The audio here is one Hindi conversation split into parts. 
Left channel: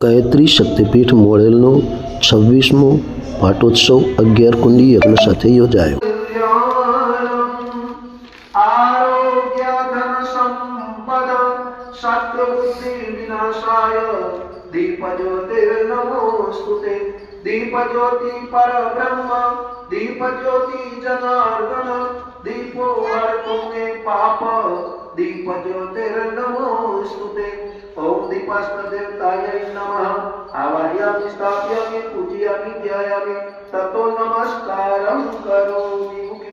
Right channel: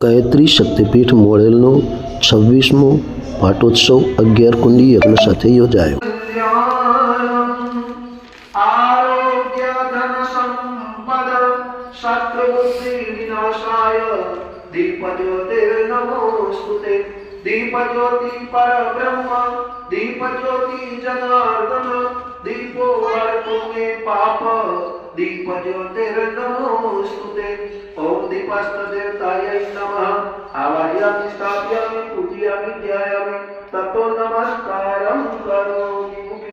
ગાયત્રી શક્તિપીઠ મોડેલનો છવ્વીસમો પાટોત્સવ અગિયાર કુંડી યજ્ઞ સાથે યોજાયો આરોગ્ય ધન સંપદ શત્રુબુદ્ધિ વિનાશાય દીપ જ્યોતિર્નમોસ્તુતે દીપ જ્યોતિ પરબ્રહ્મ દીપ જ્યોતિ જનાર્દન દીપો હરતો મે પાપ दीपज्योतिर्नमोऽस्तुते ॐ दीपस्तदेवतायै नमः। आवाहयामि, स्थापयामि, पूजयामि, ध्यायामि। ततो नमस्कारं करोमि।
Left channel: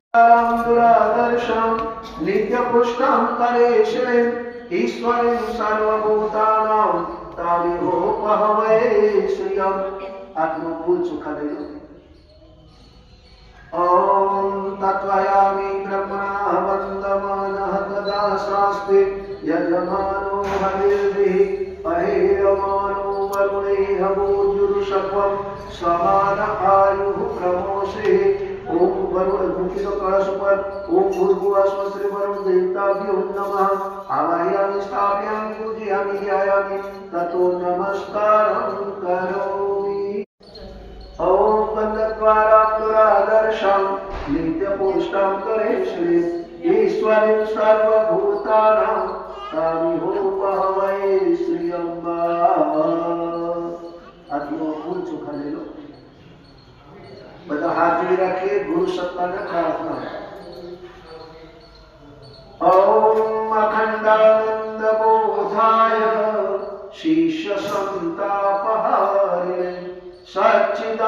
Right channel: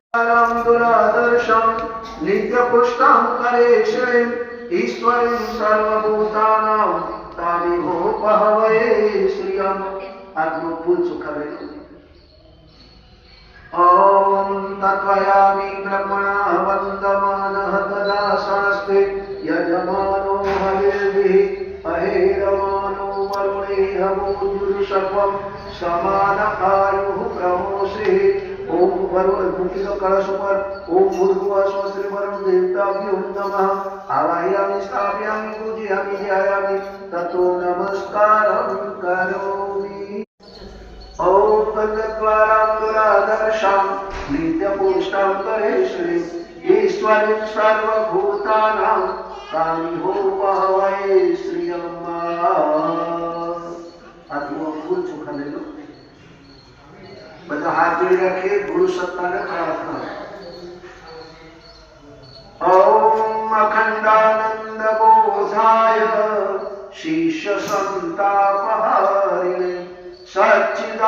दुरादर्शं, नित्यपुष्टां कलेशे। ईश्वरीं सर्वभूतानां तामिहोपहवये श्रियम्। आत्मभूत सुखदैव। ॐ तत्त्वयामि ब्रह्मणः वन्दमानः तदा शास्त्रे यजमानो हविर्भिः अहेरमानो वरुणेह मोजुरुषभं समानकायुः प्रमोश्रीः ॐ वरुण कलश भूर्भुवः स्वस्त्री वरुण देवताभ्यो नमः। आवाहयामि, स्थापयामि, पूजयामि, ध्यायामि, ततो नमस्कारं करोमि। ॐ उपन्नत्वारात्मरादर्शम् नित्यपुष्टं परेश्वरे सर्वभूतानां चुका ले लो बता हाथ रखे, गुरु सत्ता प्रार्थना। ओम अखंडानंद बोधाय सच्चिदानन्दरूपाय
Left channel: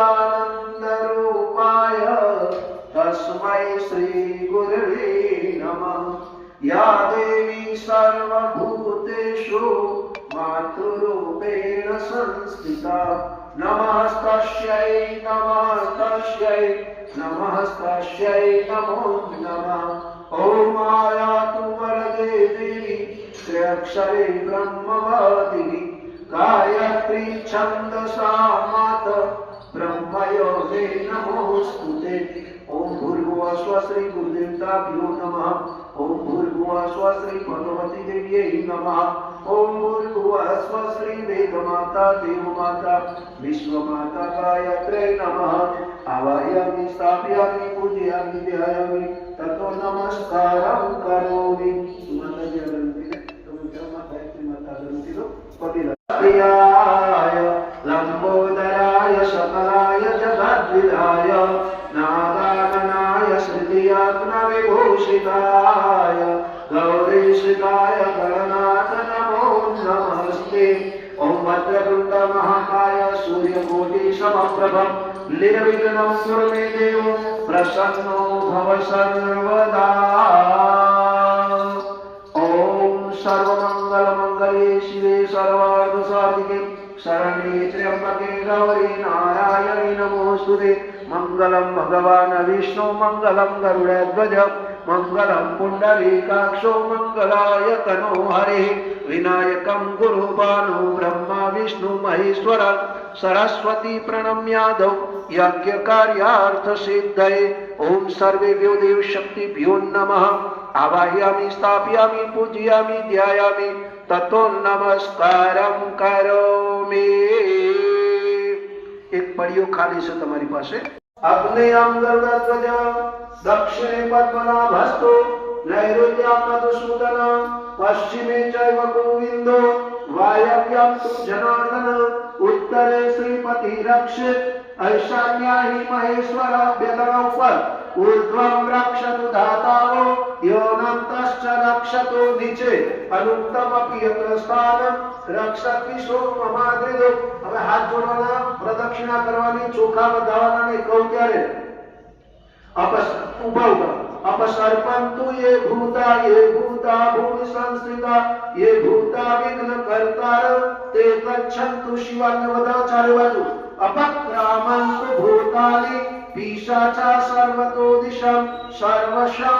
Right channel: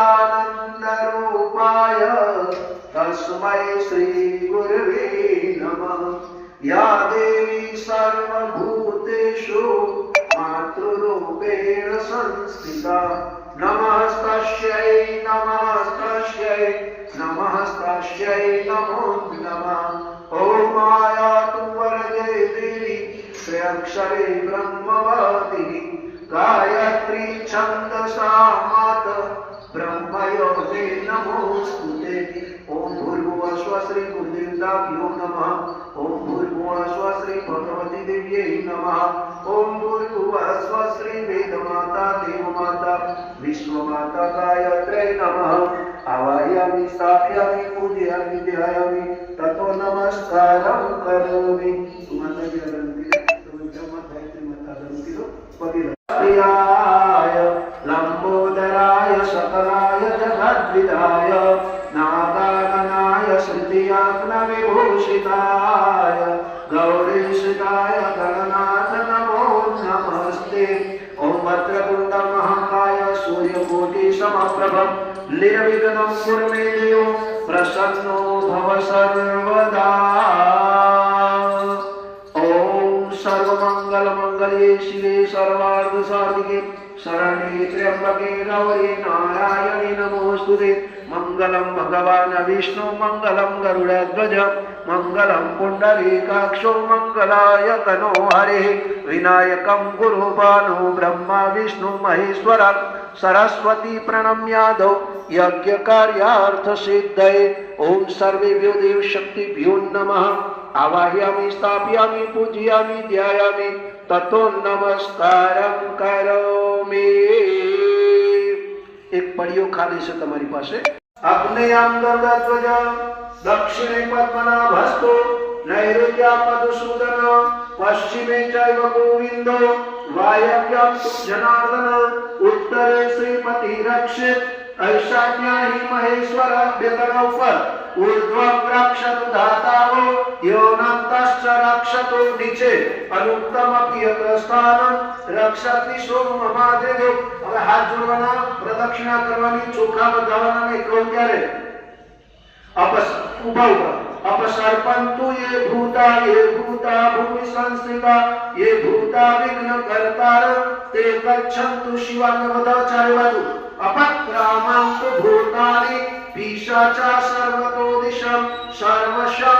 तस्मै श्रीगुरवे नमः। या देवी सर्वभूतेषु मातृरूपेण संस्थिता। नमस्तस्यै नमस्तस्यै नमस्तस्यै नमो नमः। ॐ मायातु वरदेवी त्र्यक्षरे ब्रह्मवादिनी। गायत्री छन्दसा मात ब्रह्मयोगे नमोऽस्तुते ॐ भूर्भुवः स्वश्री गुरुदेवताभ्यो नमः। ॐ भूर्भुवः स्वश्री भगवती देव्यै नमः। ॐ भूर्भुवः स्वश्री वेदमाता, देवमाता, विश्वमाता गायत्र्यै नमः। आवाहयामि स्थापयामि, पूजयामि ध्यायामि ततो नमस्कारं। श्रुतियात्मविभूषिताय गौरीशिकाय गणनाथ नमो नमस्ते ॐ भद्रपुण्ड महाकाय सूर्यकोटि समप्रभं निर्विघ्नं कुरु मे देव प्रसन्नो भव सर्वदा। ॐ सर्वमङ्गलमङ्गले शिवे सर्वार्थसाधिके शरणे त्र्यम्बके गौरी नारायणि नमोऽस्तुते मङ्गलं भगवान् विष्णु मङ्गलं गरुडध्वज मङ्गलं पुण्डरीकाक्षो मङ्गलाय तनो हरिः विनायकं गुरुपानो ब्रह्मा विष्णु महेश्वर सरस्वती प्रणम्यादौ यज्ञकार्यार्थसिद्धये ॐ सर्वेभ्यो देवशक्तिभ्यो नमः आवाहयामि स्थापयामि पूजयामि ध्यायामि ततो નમસ્કારમ કરોમિ એક પડિયો ખાલી છે તમારી પાસે अग्नेयङ्गर्गध्वज दक्षिणे पद्मनाभस्तु नैरुत्यापदुसूदन पश्चिमे चैव गोविन्दो वायव्यां जनार्दन, उत्तरे श्रीपति रक्षित ऐशान्या ही महेश्वर व्यदनौ पर ऊर्ध्वं धातावो योनन्तश्च रक्षतु निचे अनुत्तमपि यतस्थानं रक्षति સોમમાદેવ હવે હાથ જોડવાના પ્રદક્ષિણા કરવાની ચોખા બતાવવાના નહીં કહું ત્યારે અપસ ઉભા ઉભા अपसर्पन्तु ये भूता ये भूता भूमि संस्थिता ये भूता विघ्न कर्तार ते गच्छन्तु शिवाय वदाचार्य बाजू अपक्रामन्तु भूतानि पिशाचा सर्वतो दिशं सर्वशं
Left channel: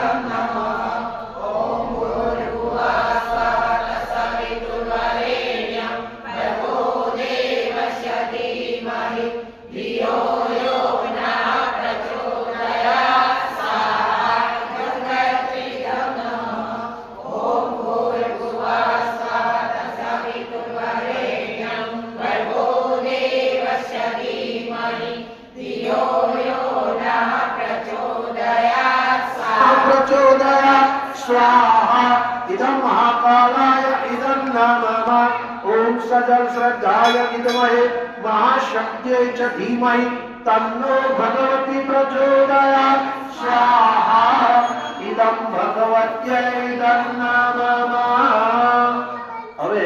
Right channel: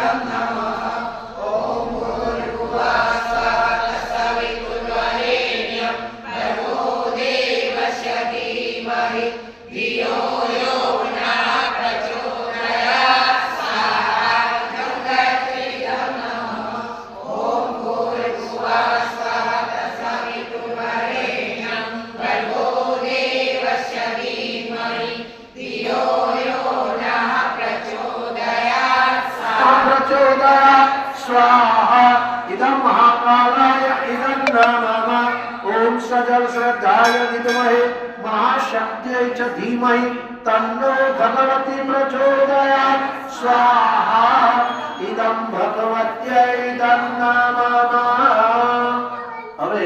प्रचोदयात् स्वाहा इदं महाकालाय इदं न मम ॐ सजल श्रद्धाय विद्महे महाशक्त्यै च धीमहि तन्नो भगवती प्रचोदयात् स्वाहा इदं भगवत्यै इदं न मम હવે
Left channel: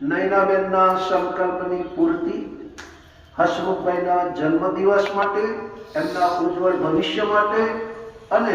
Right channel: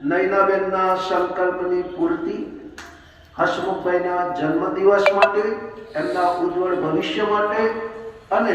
નૈનાબેનના સંકલ્પની પૂર્તિ હસમુખભાઈના જન્મદિવસ માટે એમના ઉજ્જવળ ભવિષ્ય માટે અને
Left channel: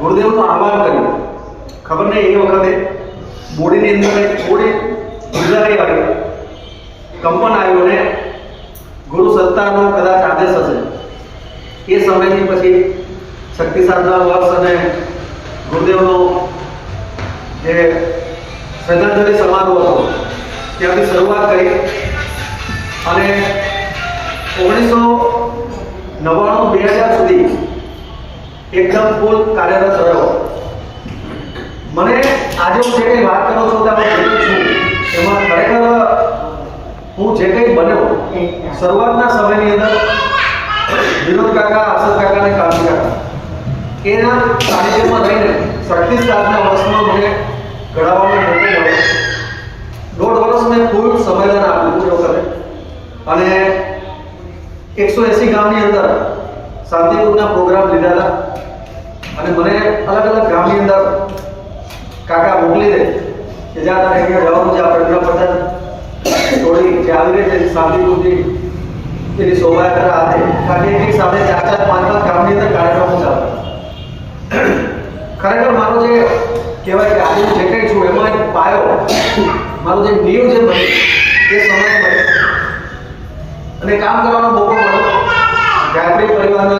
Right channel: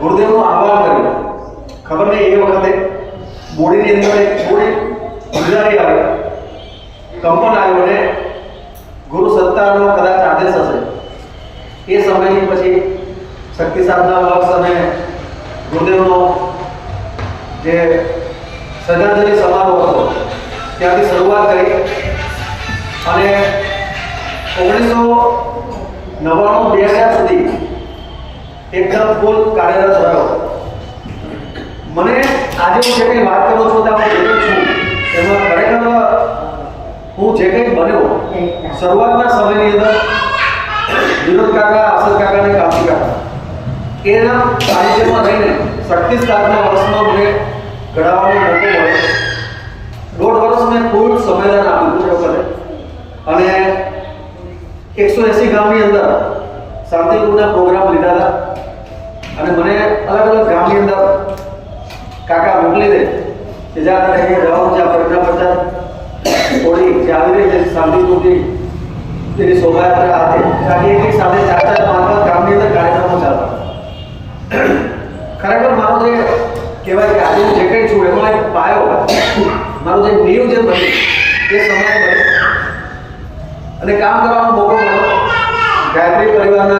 ગુરુદેવનું આહવાન કર્યું. ખબર નહીં, એ વખતે બોડીની અંદર થોડી ગુજારી આવી. કંપન આવ્યું અને ગુરુ સત્તાનો કદાચ આદેશ હશે. એ સમયથી પછી શક્તિ સાધના વર્ષ અને ગુરુદેવનો જે શ્રદ્ધાંજલિ સમારોહ હતો, ત્યાંથી શરૂઆત કરી. અને ઓગણીસો નવ્વાણું, બે હજાર સુધી એકદમ ફૂલ કાર્યરત રહ્યો. મને આજે હું જે કંઈ વાત કરું છું ત્યાં હું છું, એમાં ખરેખર હું જે કંઈ બન્યો, શરૂઆતના સમયની અંદર વિનોદ કાકા આસદ કાકા અને કાકા એના સાનિધ્યમાં રહીને શક્તિ સાધના વર્ષમાં મને ઘડાવવાનો મોકો મળ્યો. દોઢ વર્ષ મેં ફૂલ સંમેલન આપ્યું છે વખતે અને એકસો એસી ગામની અંદર શાંતિપૂર્ણ પ્રોગ્રામ લીધા હતા. અને મને અલગ અલગ ગામની અંદર કાકા મોકલી દે કે જ્યાં તમે અહીંયા જવાનું છે આ પ્રજ્ઞા પ્રચાર થોડી જે આવી રીતે શાંતિપૂર્ણથી એની શોભાયાત્રા હતી કારણ એક એક સાથે ચાર ચાર, પાંચ પાંચ ગામની અંદર કાર્યક્રમો ચાલતા ખરેખર મારો જે કહેવાય કે આજે જે કંઈ છું એમાં એક પાયો, મારો જે નીવ જે બની